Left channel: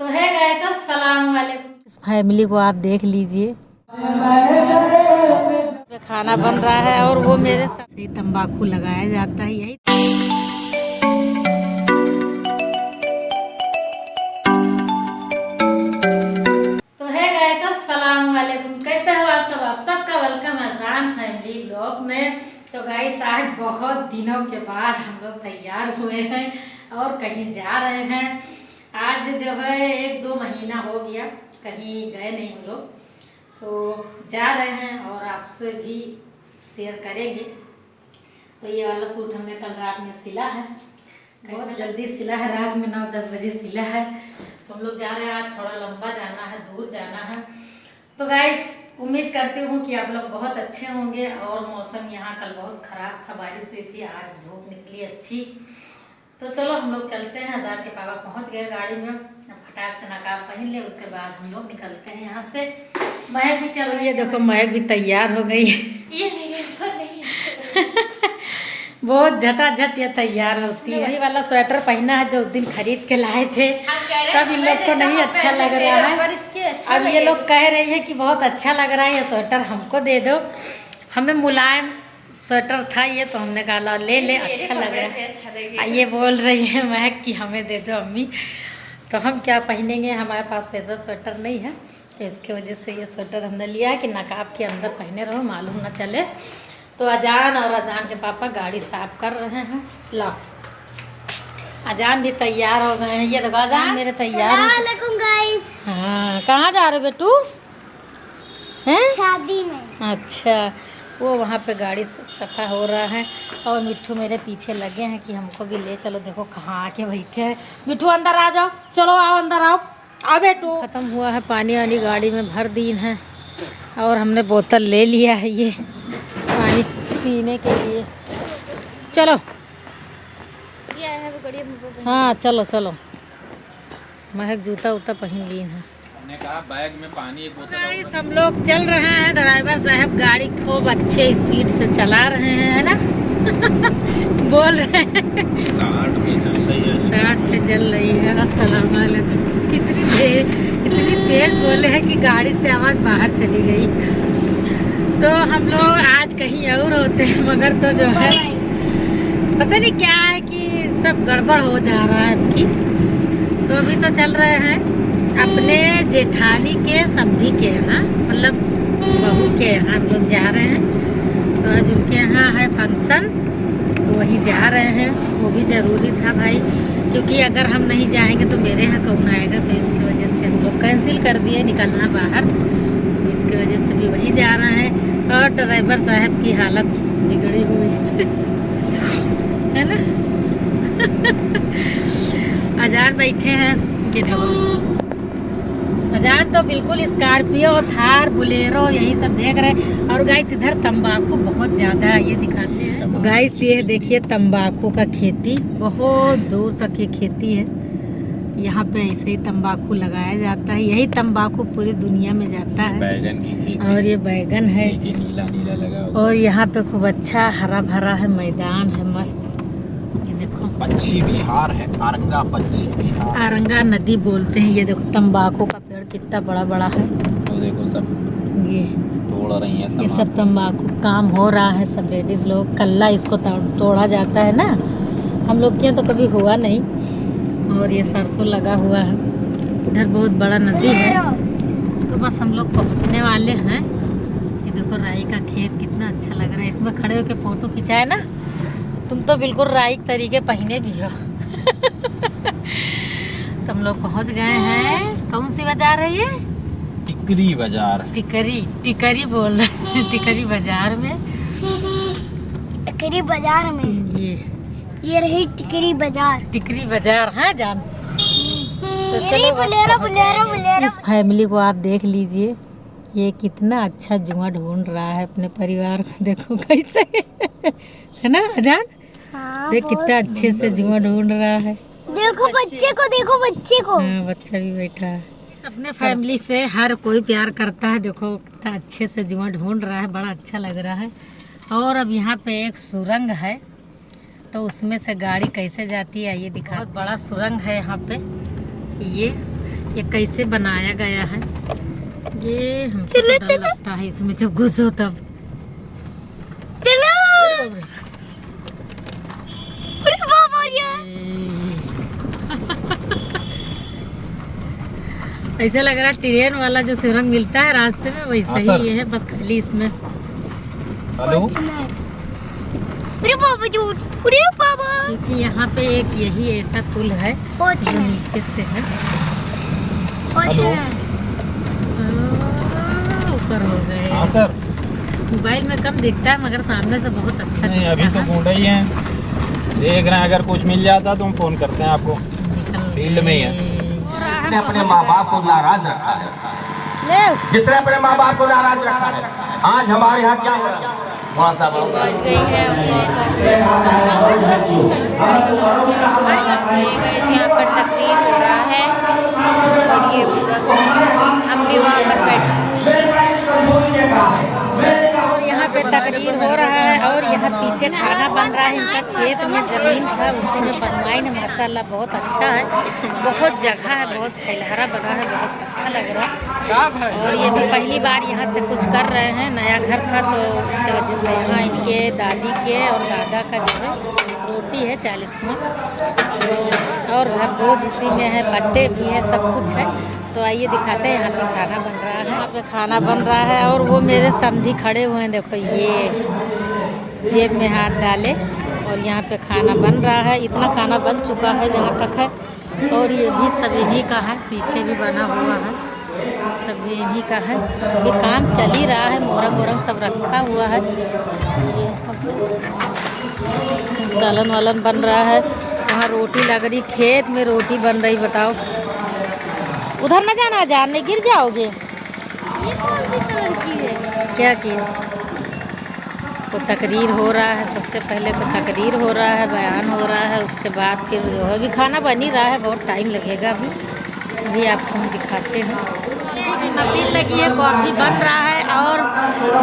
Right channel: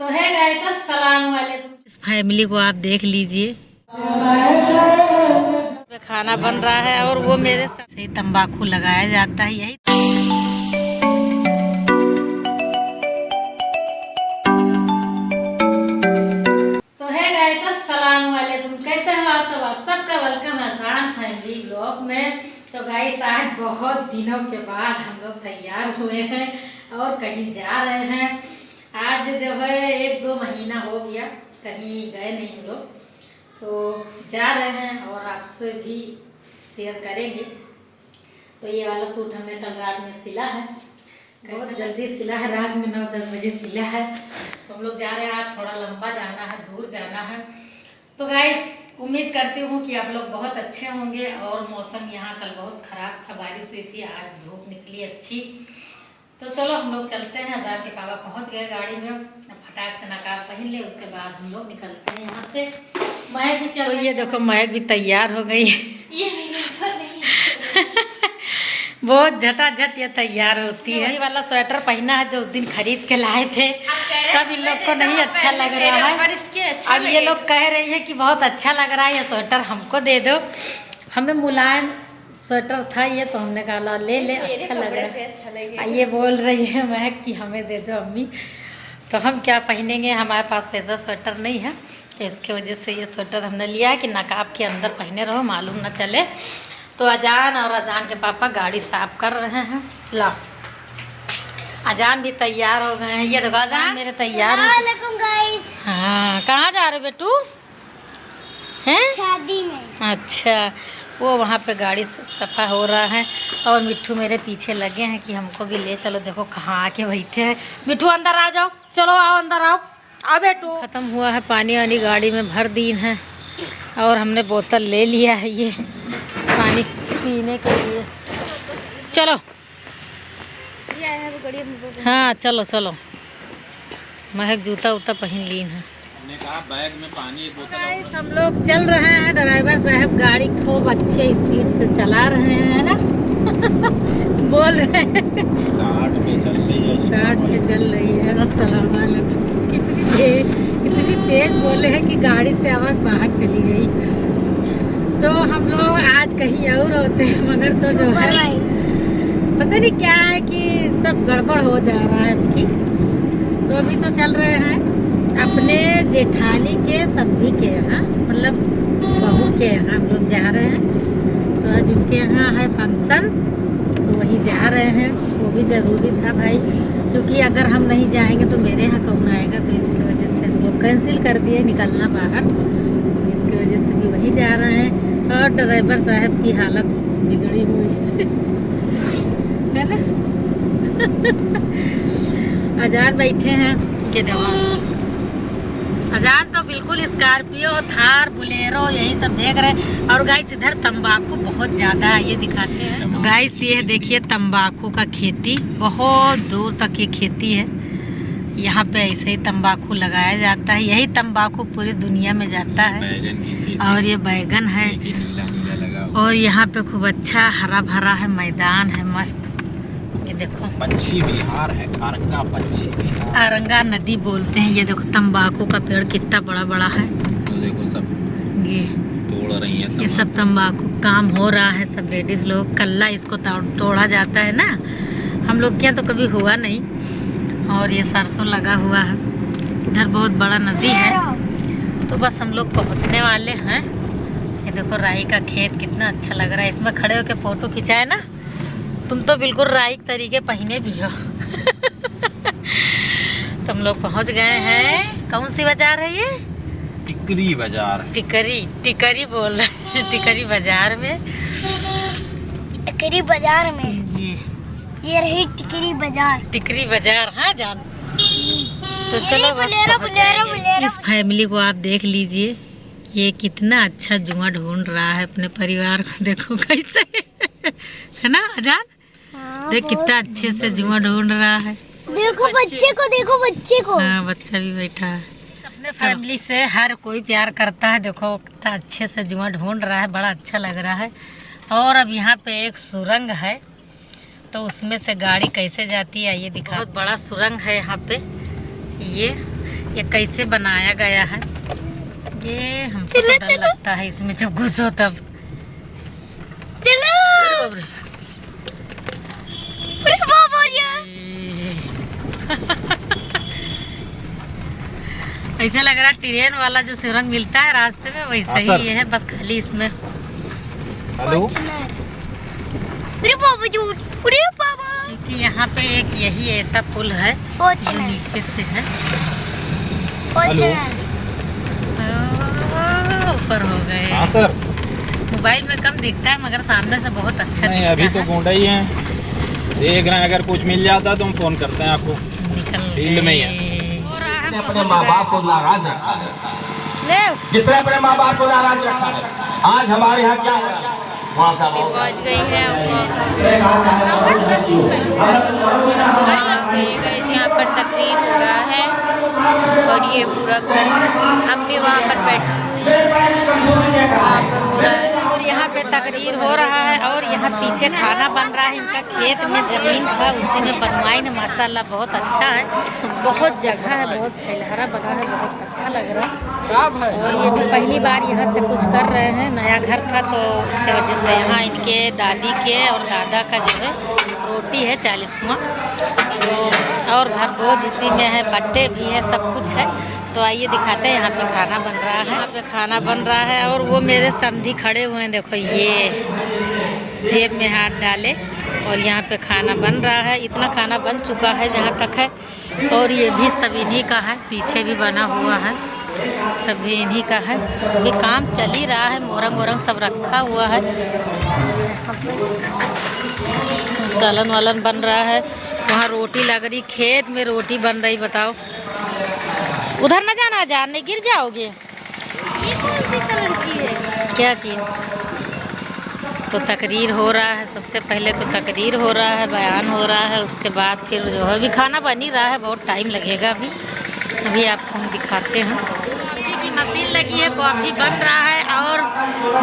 तो है गाइस, अस्सलाम वालेकुम। इस फैमिली को आप देख लीजिए, खाना बन रहा है और वो मेरे साथ ही तंबाकू लगाया जाता है। यही तो है गाइस, अस्सलाम वालेकुम। कैसे हो आप सब? आप सबका वेलकम है आसान फैमिली ब्लॉग में। तो गाइस, आज बहुत दिनों के बाद हम लोग तैयार हुए हैं और कहीं जा रहे हैं। आज जो है 1-2 महीना हो गया कहीं गए नहीं हम लोग, तो जा रहे हैं और आपसे भी शेयर करेंगे। तो ये वाला सूट हमने कल रात में सिला है, बहुत जल्दी सिला है, रात में 9-10 बजे सिला है। तो हम लोग जा रहे हैं, आज थोड़ा लंबा जाना है, दूर जाना है। तो गाइस, उम्मीद करती हूँ कि आप लोग बहुत अच्छे होंगे। और मौसम यहाँ कल बहुत ख़राब था, बारिश हुई थी, आज धूप निकली अच्छी। तो चलो हम लोग चलते हैं। अजान के पापा पहुँच गए गाड़ी में, अब फटाक से नकाब पहन ले, उसके बाद हम लोग निकलते हैं यहाँ से। महक भी चलो, ये देखो महक भी तैयार हो गई। ये मेरे ऊपर नहीं बहुत झटाझट ये तैयार होती है। वही वाला स्वेटर पहना है जो उस दिन खरीद के लाए थे, तब इन लोग को नहीं अच्छा लग रहा है। अब ये लोग कह रही है कि बहुत अच्छा लग रहा है, ये स्वेटर हमको दे दो। हमें मुलायम स्वेटर था ये, तो हमने कहा ले ले, अच्छा लग रहा है। ये बोल रही है महक कि हमें दे दो अम्मी। तो हम क्या पहनेंगे, हमारे पास वैसा स्वेटर नहीं है, तो इसके वजह से ये स्वेटर हमने लिया है कि नकाब के अंदर पहने रहो, मालूम ना चले। तो अजान और अजान के पापा गाड़ी साफ कर रहे हैं। ला, अजान भी तैयार हो गए हैं। ये देखो अजान मेरे तैयार हो। हाँ, कहाँ जा रहे बेटू? हैं शादी में। अच्छा, वो वहाँ पे गाड़ी सफ़ा हो रहा है और मिट्ठू मेरे पीछे लगे हैं कि हमको भी ले चलो। देखो कहाँ आके बैठे हैं। मिट्ठू अंदर आ जाओ, चलो आओ अंदर आओ। आ बेटू, ख़त्म हुआ है पानी वानी, गाड़ी में भर दी है और हमने बोतल ले लिया है ये पानी पीने के लिए। चलो हाँ चलो चलो। महक जूता उता पहन ली है। बैग में पानी बोतल। हम लोग चल रहे हैं, ड्राइवर साहब गाड़ी खूब अच्छे स्पीड से चला रहे हैं, है ना? बोल रहे हैं 60 पे चल रही है, 60 पे चल रही है। अस्सलाम वालेकुम। इतनी तेज बोले हैं कि गाड़ी से आवाज़ बाहर चली गई। तो हम लोग आज कहीं और होते हैं, मगर तो जो है पता नहीं क्या है कि सब गड़बड़ हो जा रहा है अबकी। तो अभी तो चल रहे हैं अपने जेठानी के सब्जी के यहाँ, मतलब बहू के यहाँ हम लोग जा रहे हैं। तो आज उनके यहाँ है फंक्शन, तो वहीं जा रहे हैं। वो भी ज़रूरी था भाई, क्योंकि अगर हम नहीं जाएंगे तो मेरे यहाँ कौन आएगा। तो इसकी वजह से हम लोग कैंसिल कर दिए निकलना बाहर, तो इसकी वजह से भी वहीं जा रहे हैं। और ड्राइवर साहब की हालत बिगड़ी हुई है ना। अजान बैठे हैं, ये देखो अजान तो बिल्कुल स्कॉर्पियो, थार, बुलेरो यही सब देख रहे हैं। और गाइस इधर तंबाकू बहुत ज़्यादा है, ये दिखाते हैं। तो गाइस ये देखिए तंबाकू का खेती, बहुत दूर तक ये खेती है। यहाँ पे ऐसे ही तंबाकू लगाया जाता है, यही तंबाकू पूरी दुनिया में जाता है। और ये बैगन है और यहाँ पे खूब अच्छा हरा भरा है, मैदान है मस्त। ये देखो पक्षी विहार है, आरंगा पक्षी विहार, आरंगा नदी बोलते हैं। ये देखो तंबाकू का पेड़ कितना बड़ा बड़ा है। तो देखो सब ये तोड़ रही है, ये सब तंबाकू काम हो रहा है। सब लेडीज लोग, कल्ला इसको तोड़ा जाता है ना, हम लोग के यहाँ तो कभी हुआ नहीं। और ये सरसों लगा हुआ है, इधर बहुत बड़ा नदी है। तो बस हम लोग पहुँचने वाले हैं। ये देखो राई का खेत कितना अच्छा लग रहा है, इसमें खड़े होकर फोटो खिंचाए ना। तुम तो बिल्कुल राई के तरीके पहने भी हो। तो हम लोग पहुँच गए हैं। कौन सी बाजार है ये? टिकरी बाजार। टिकरी बोल रहे हैं, टिकरी बाजार में। टिकरी बाजार में ये रही टिकरी बाजार। टिकरी बाजार है जान। तो चलो बस बुलेरो। इस फैमिली को आप देख लीजिए, ये कितना अच्छा जुआ ढूंढ रहा है अपने परिवार को। देखो कैसे है ना अजान? हाँ, देख कितना अच्छे से जुआ ढूंढ रहा है। देखो बच्चे को, देखो बच्चे को। हाँ, बच्चा भी बैठा है। अपने फैमिली से हर कोई प्यार करता है। देखो कितना अच्छे से जुआ ढूंढ रहा है, बड़ा अच्छा लग रहा है। और अब यहाँ पे एक सुरंग है, तो उसमें से गाड़ी कैसे जाती है ये दिखा। बहुत बड़ा सुरंग है यहाँ पे। ये कैसे बनाया गया है, ये हमको तो डर लगता है इसमें जब घुसो तब। चलो अरे ऐसे लग रहा है ट्रेन वाला जो सुरंग मिलता है रास्ते में वैसा ही ये है, बस खाली इसमें। क्योंकि यहाँ पे एक यही ऐसा पुल है जो नीचे से है, ऊपर हो गए। मोबाइल में कम दिखता है मगर सामने से बहुत अच्छा दिखता है। अभी तो ढूंढा ही है, देख रहे हैं, अगर कुछ मिल जाता तो हम फोन करते हैं आपको। फील्ड में ही है। अपने माँ बाप को नाराज रखा है, जिसने अपने माँ बाप को नाराज रखा है। आज हमारे यहाँ क्या हो रहा है, पहुंच गई है यहाँ पर तकरीर हो रहा है और ये पूरा हम भी वहाँ पर बैठे वहाँ पर हो रहा है और यहाँ पे तकरीर हो रहा है और यहाँ पीछे खाना बन रहा है। इनका खेत में ज़मीन था उसी में बनवाई ने, माशाल्लाह बहुत अच्छा है, बहुत जगह है, बहुत फैलहरा बना है, बहुत अच्छा लग रहा है। और ये भी पहली बार यहाँ से कुछ कर रहे हैं, नया घर था तो उसके वजह से यहाँ इनके दादी के और दादा का जो है रोटी है 40वां, तो और घर बोझ इसी में है, बर्थडे भी है, सब कुछ है। तो आइए दिखाते हैं यहाँ पे खाना बन रहा है। यहाँ पे खाना बन रहा है और वो मेरे समधी खड़े हुए हैं, देखो ये जेब में हाथ डाले और यहाँ पे खाना बन रहा है। इतना खाना बन चुका है जहाँ तक है, और ये भी सब इन्हीं का है, पीछे भी बना हुआ है, सभी इन्हीं का है। ये काम चल ही रहा है, मोरंग वोरंग सब रखा हुआ है। यहाँ पे सालन वालन बन रहा है, वहाँ रोटी लग रही, खेत में रोटी बन रही। बताओ उधर न जाना, जानने गिर जाओगे। ये कौन सी कलर की है? क्या चीज़? तो तकरीर हो रहा है, सबसे पहले तो तकरीर हो रहा है, बयान हो रहा है, उसके बाद फिर जो है अभी खाना बन ही रहा है, बहुत टाइम लगेगा अभी आपको हम दिखाते हैं। कॉफ़ी की मशीन लगी है, कॉफ़ी बन रहा है और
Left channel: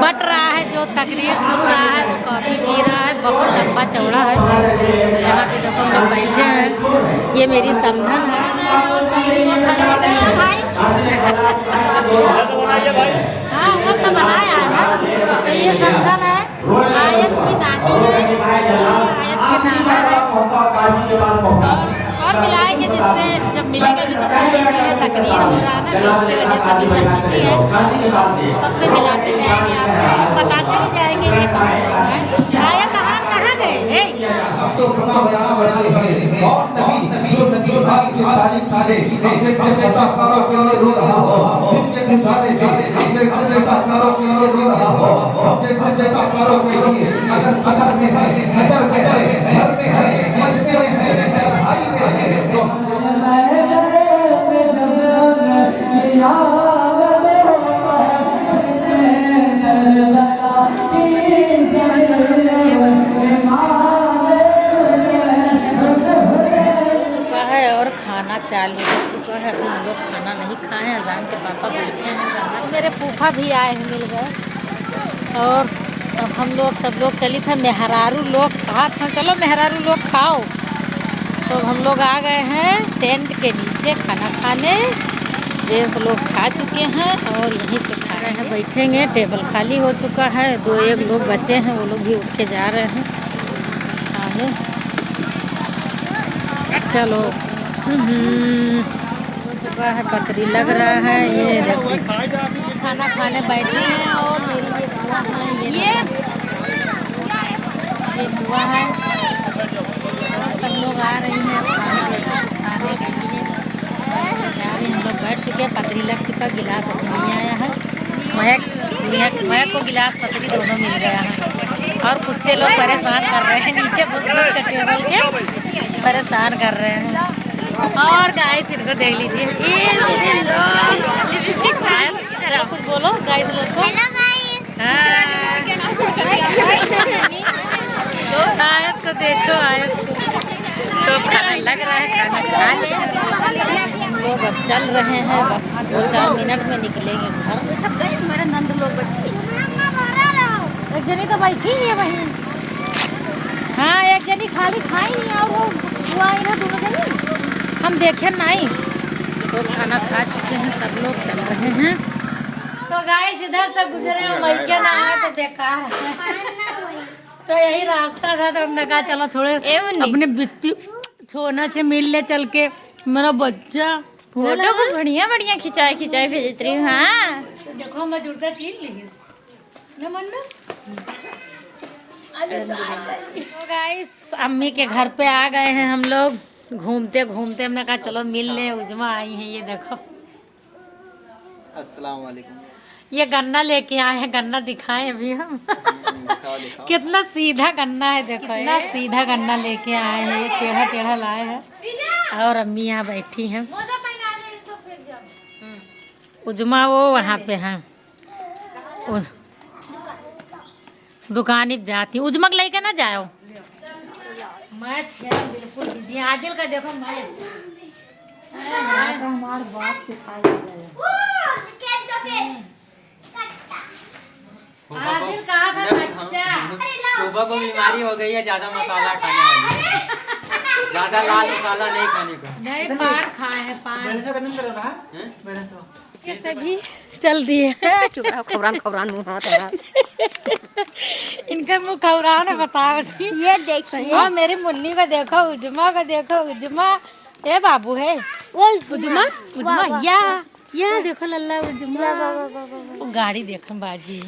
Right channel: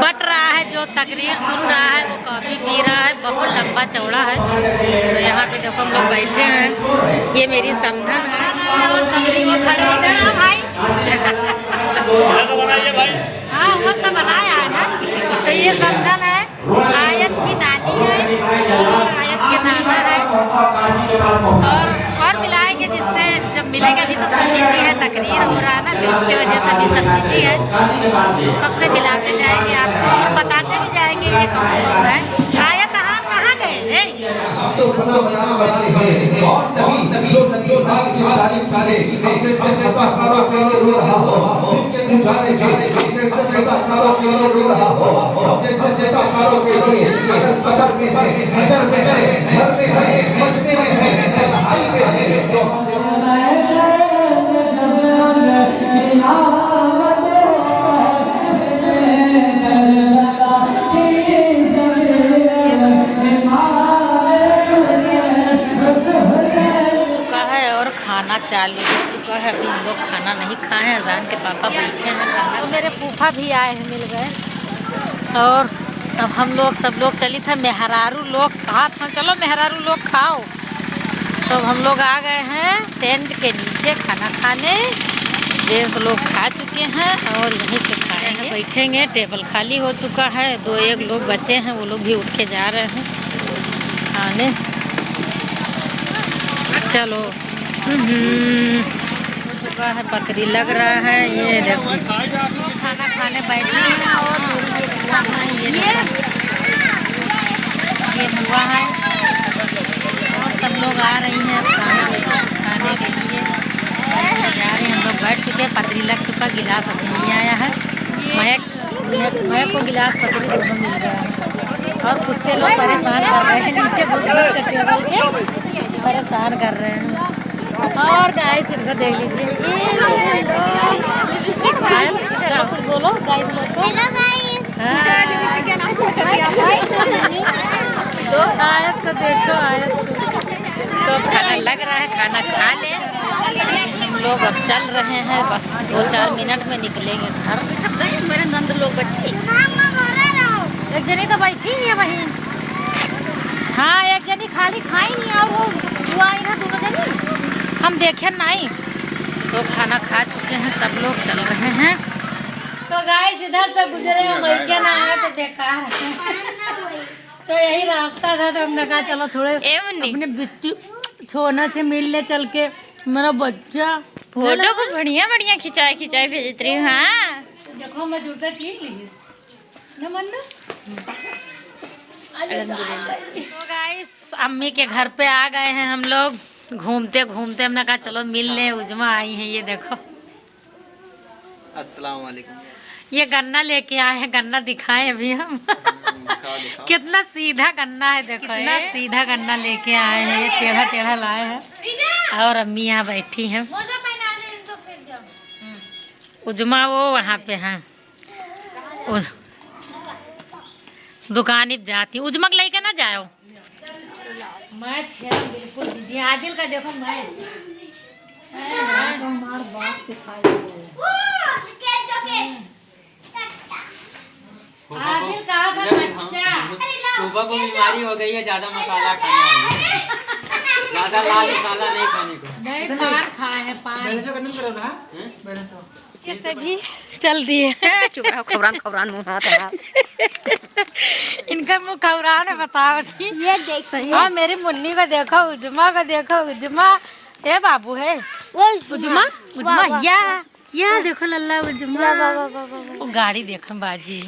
बट रहा है, जो तकरीर सुन रहा है वो कॉफ़ी पी रहा है, बहुत लंबा चौड़ा है। तो यहाँ पे देखो हम लोग बैठे हैं, ये मेरी समधन है और सभी वो खड़े इधर हैं भाई। हाँ वो तो बनाया है। तो ये समधन है, आयत की नानी है, आयत की नानी है, और मिलाएंगे जिससे जब मिलेंगे। अभी तो सब बिजी है, तकरीर हो रहा है ना, तो इसके वजह से भी सब बिजी है, सबसे मिलाते जाएंगे आपको और बताते भी जाएंगे ये कौन कौन है। आयत कहाँ गए हैं? खाना चालू हो चुका है, अभी हम लोग खाना नहीं खाए हैं, अजान के पापा बैठे हैं खाना। तो मेरे फूफा भी आए हैं, मिल गए। और अब हम लोग सब लोग चली था, मेहरारू लोग कहा था चलो मेहरारू लोग खाओ, तो हम लोग आ गए हैं टेंट के नीचे खाना खाने। जेंट्स लोग खा चुके हैं और यहीं पे खा रहे हैं, बैठेंगे। टेबल खाली हो चुका है, 2-1 लोग बचे हैं, वो लोग भी उठ के जा रहे हैं खाने। चलो हो चुका है, पतरी लग रहा है, ये देखो खाना खाने बैठे हैं और ये हुआ है, सब लोग आ रही हैं खाने के लिए। हम लोग बैठ चुके हैं, पतरी लग चुका, गिलास अभी नहीं आया है। महक को गिलास पतरी दोनों मिल गया है और कुत्ते लोग परेशान कर रहे हैं, नीचे घुस के टेबल के परेशान कर रहे हैं। और गाइस इनको देख लीजिए, लिपस्टिक कुछ बोलो गाइस लोग को। Hello guys. आए तो देखो आए तो खाना लग रहा है, खाना खा ले। हम लोग अब चल रहे हैं, बस 2-4 मिनट में निकलेंगे घर। हमारे नंद लोग बच्चे एक जनी तो बैठी ही है वहीं। हाँ एक जनी खाली खाई नहीं और वो हुआ इन्हें दोनों जनी हम देखे नहीं, तो खाना खा चुके हैं सब लोग, चल रहे हैं। तो गाइस इधर से गुजरे हो मैके ना है तो बेकार है। तो यही रास्ता था तो हमने कहा चलो थोड़े अपने बिट्टी छोने से मिल ले चल के। मेरा बच्चा फोटो को बढ़िया बढ़िया खिंचाई भेज रही हूँ। हाँ तो देखो मैं जूता ठीक ली न मन्नू। तो गाइस अम्मी के घर पे आ गए हैं हम लोग। घूमते घूमते हमने कहा चलो मिल ले। उजमा आई है, ये देखो। अस्सलाम वालेकुम। ये गन्ना लेके आए हैं, गन्ना दिखाएं अभी हम। कितना सीधा गन्ना है, देखो कितना सीधा गन्ना लेके आए हैं। ये टेढ़ा टेढ़ा लाए हैं और अम्मी यहाँ बैठी हैं। उजमा वो वहाँ पे हैं, दुकान पे जाती। उजमा के लेके ना जाओ, मैच खेल बिल्कुल दीदी। आदिल का देखो मैच हमारे बाप सिखाई। आदिल कहाँ था बच्चा? सुबह को बीमारी हो गई है ज्यादा मसाला खाने वाली, ज्यादा लाल मसाला नहीं खाने को। नहीं पान खाए हैं, पान कैसे भी चल दिए। खबरान खबरान मुंह हाथ है। इनका मुँह खबरान है, बताओ। ये देख सही हाँ मेरी मुन्नी को देखो, उजमा को देखो। उजमा ये बाबू है उजमा। उजमा या देखो लल्ला उजमा। वो गाड़ी देखो बाजी।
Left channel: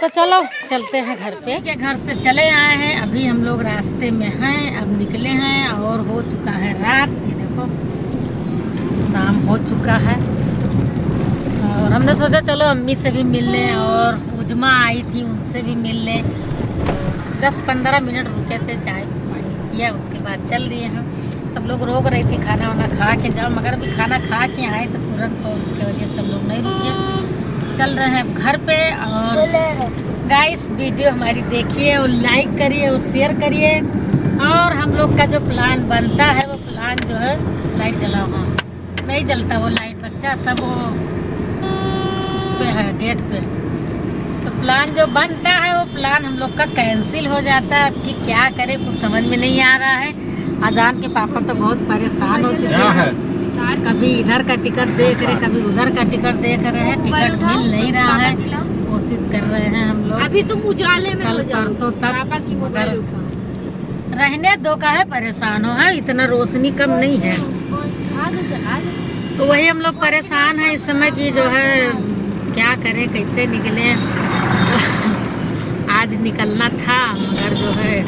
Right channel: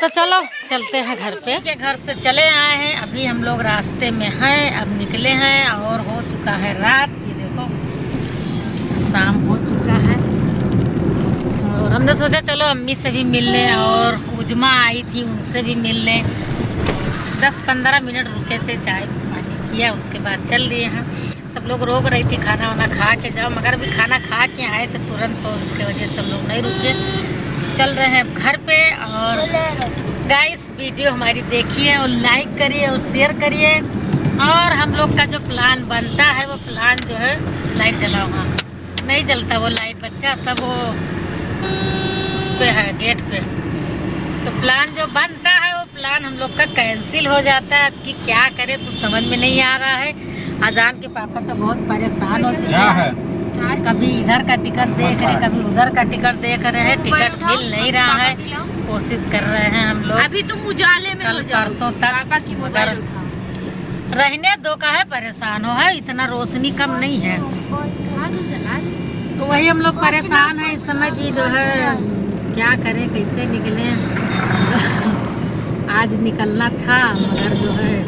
तो चलो चलते हैं घर पे। के घर से चले आए हैं, अभी हम लोग रास्ते में हैं। अब निकले हैं और हो चुका है रात। ये देखो शाम हो चुका है और हमने सोचा चलो अम्मी से भी मिल लें और उजमा आई थी उनसे भी मिल लें। 10-15 मिनट रुके थे, चाय पानी किया, उसके बाद चल दिए हैं। सब लोग रोक रही थी खाना वाना खा के जाओ, मगर अभी खाना खा के आए तो तुरंत, तो उसके वजह से हम लोग नहीं रुके, चल रहे हैं घर पे। और गाइस वीडियो हमारी देखिए और लाइक करिए और शेयर करिए। और हम लोग का जो प्लान बनता है वो प्लान जो है, लाइट जलाओ। हाँ नहीं जलता वो लाइट, बच्चा सब वो उस पे है गेट पे। तो प्लान जो बनता है वो प्लान हम लोग का कैंसिल हो जाता है। कि क्या करें कुछ समझ में नहीं आ रहा है। अजान के पापा तो बहुत परेशान हो चुके हैं, कभी इधर का टिकट देख रहे, कभी उधर का टिकट देख रहे हैं, टिकट मिल नहीं रहा है। कोशिश कर रहे हैं हम लोग अभी तुम उजाले में कल परसों तक, मगर रहने दो का है परेशान हो है, इतना रोशनी कम नहीं है। तो वही हम लोग परेशान हैं इस समय की जो है क्या करें कैसे निकले। आज निकलना था मगर जो है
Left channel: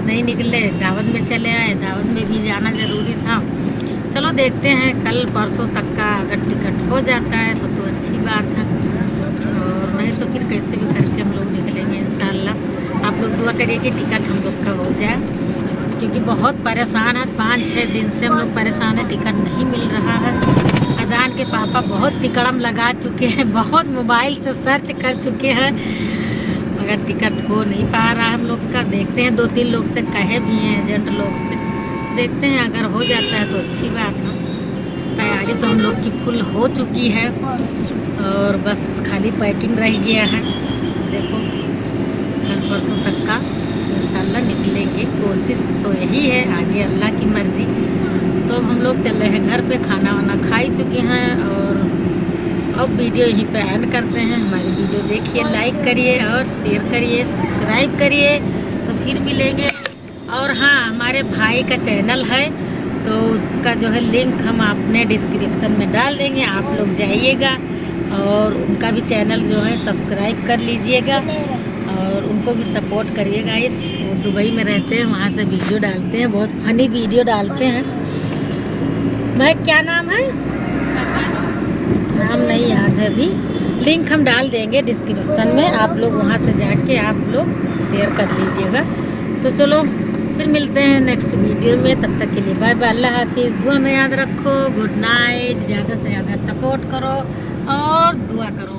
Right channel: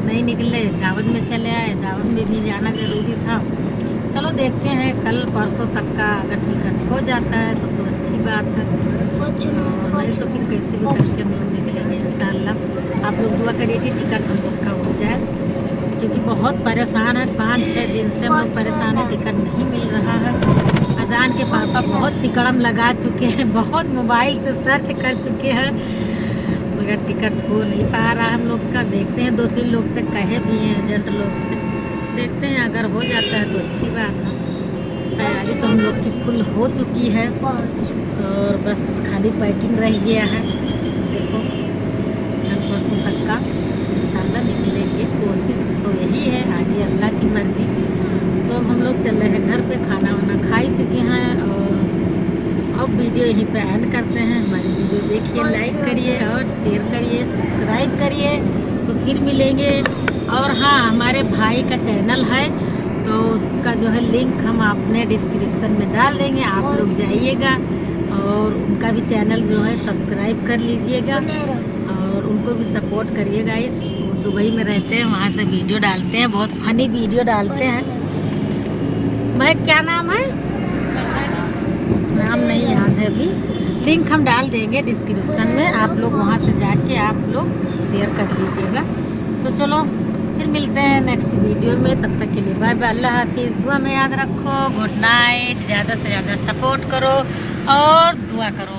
नहीं निकले, दावत में चले आए। दावत में भी जाना ज़रूरी था। चलो देखते हैं कल परसों तक का अगर टिकट हो जाता है तो अच्छी बात है, और नहीं तो फिर कैसे भी करके हम लोग निकलेंगे इंशाल्लाह। आप लोग दुआ करिए कि टिकट हम लोग का हो जाए, क्योंकि बहुत परेशान है। 5-6 दिन से हम लोग परेशान है, टिकट नहीं मिल रहा है। अजान के पापा बहुत तिकड़म लगा चुके हैं, बहुत मोबाइल से सर्च कर चुके हैं, मगर टिकट हो नहीं पा रहा हम लोग का। देखते हैं 2-3 लोग से कहे भी हैं, एजेंट लोग से, देखते हैं अगर हो जाता है तो अच्छी बात है। तैयारी तो हम लोग की फुल हो चुकी है और बस खाली पैकिंग रह गया है। देखो कल परसों तक का इंशाल्लाह निकलेंगे, कोशिश तो यही है, आगे अल्लाह की मर्जी। तो अब हम लोग चल रहे हैं घर पे, खाना वाना खा ही चुके हैं और अब वीडियो यहीं पे एंड करते हैं। हमारी वीडियो देखिए, लाइक करिए और शेयर करिए, सब्सक्राइब करिए। तो फिर मिलेंगे। और हाँ हमारे भाई का चैनल है तो उसका जो है लिंक हम अपने डिस्क्रिप्शन में डाल देंगे, आप लोग जाइएगा और उनका भी चैनल जो है सब्सक्राइब कर लीजिएगा और उनको भी सपोर्ट करिएगा। वो दुबई में रहते हैं, वहाँ से वीडियो डालते हैं, बहुत फनी वीडियो डालते हैं। मैं क्या नाम है, नाम नहीं याद है अभी, लिंक हम डाल देंगे डिस्क्रिप्शन में, आप लोग वहाँ से जाके आप लोग शेयर कर लीजिएगा। तो चलो फिर मिलते हैं नेक्स्ट वीडियो में, तब तक के लिए बाय बाय, अल्लाह हाफिज़। दुआ में याद रखो, गुड नाइट। ज़्यादा से ज़्यादा सपोर्ट करो और दुआ करो।